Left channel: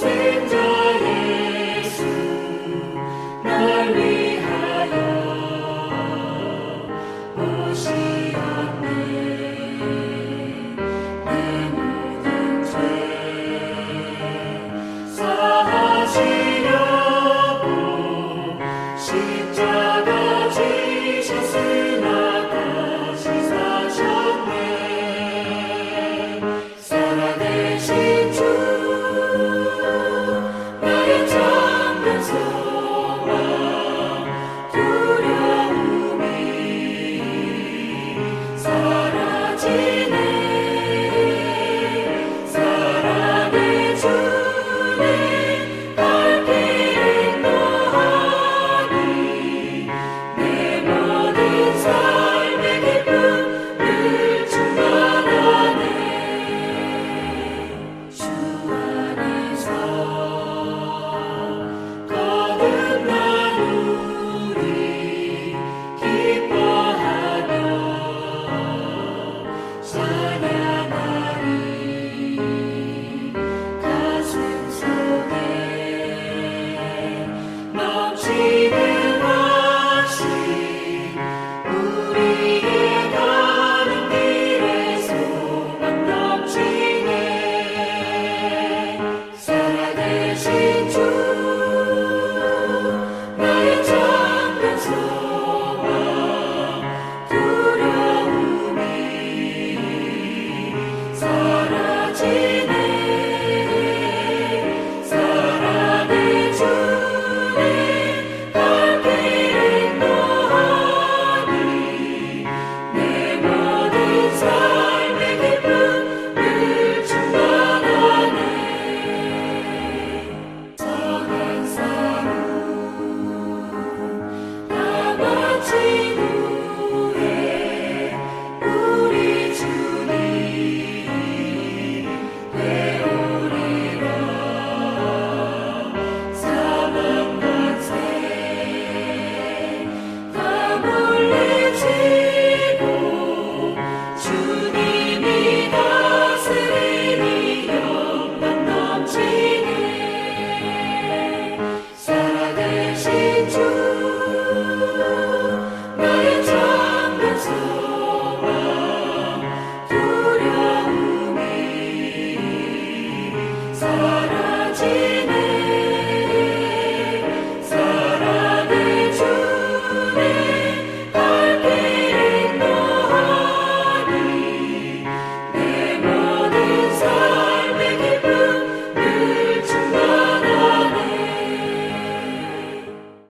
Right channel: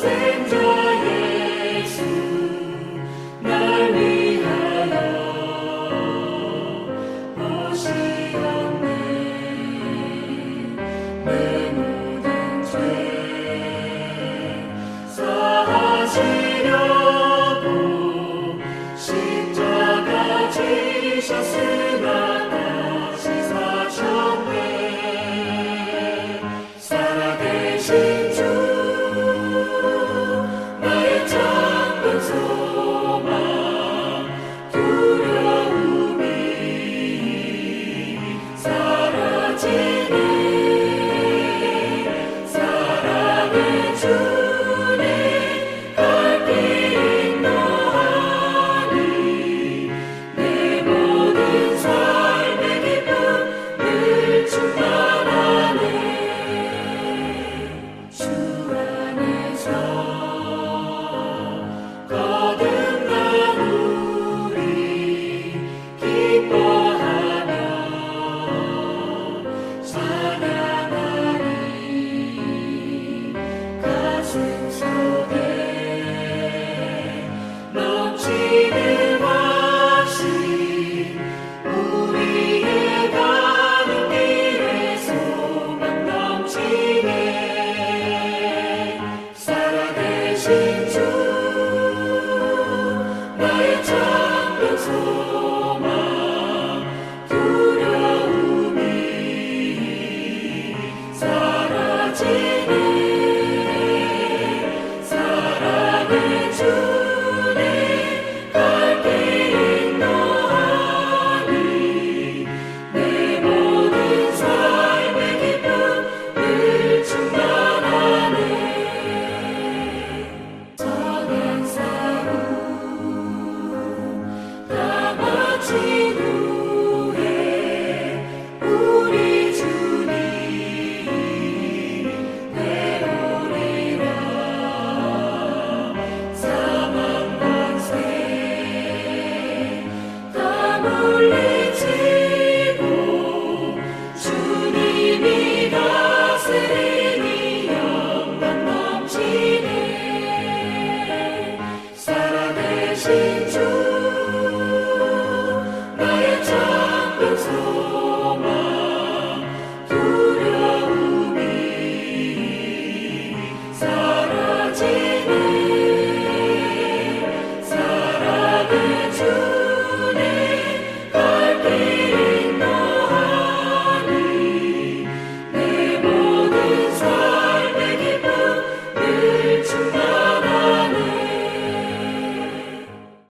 sing Jesus.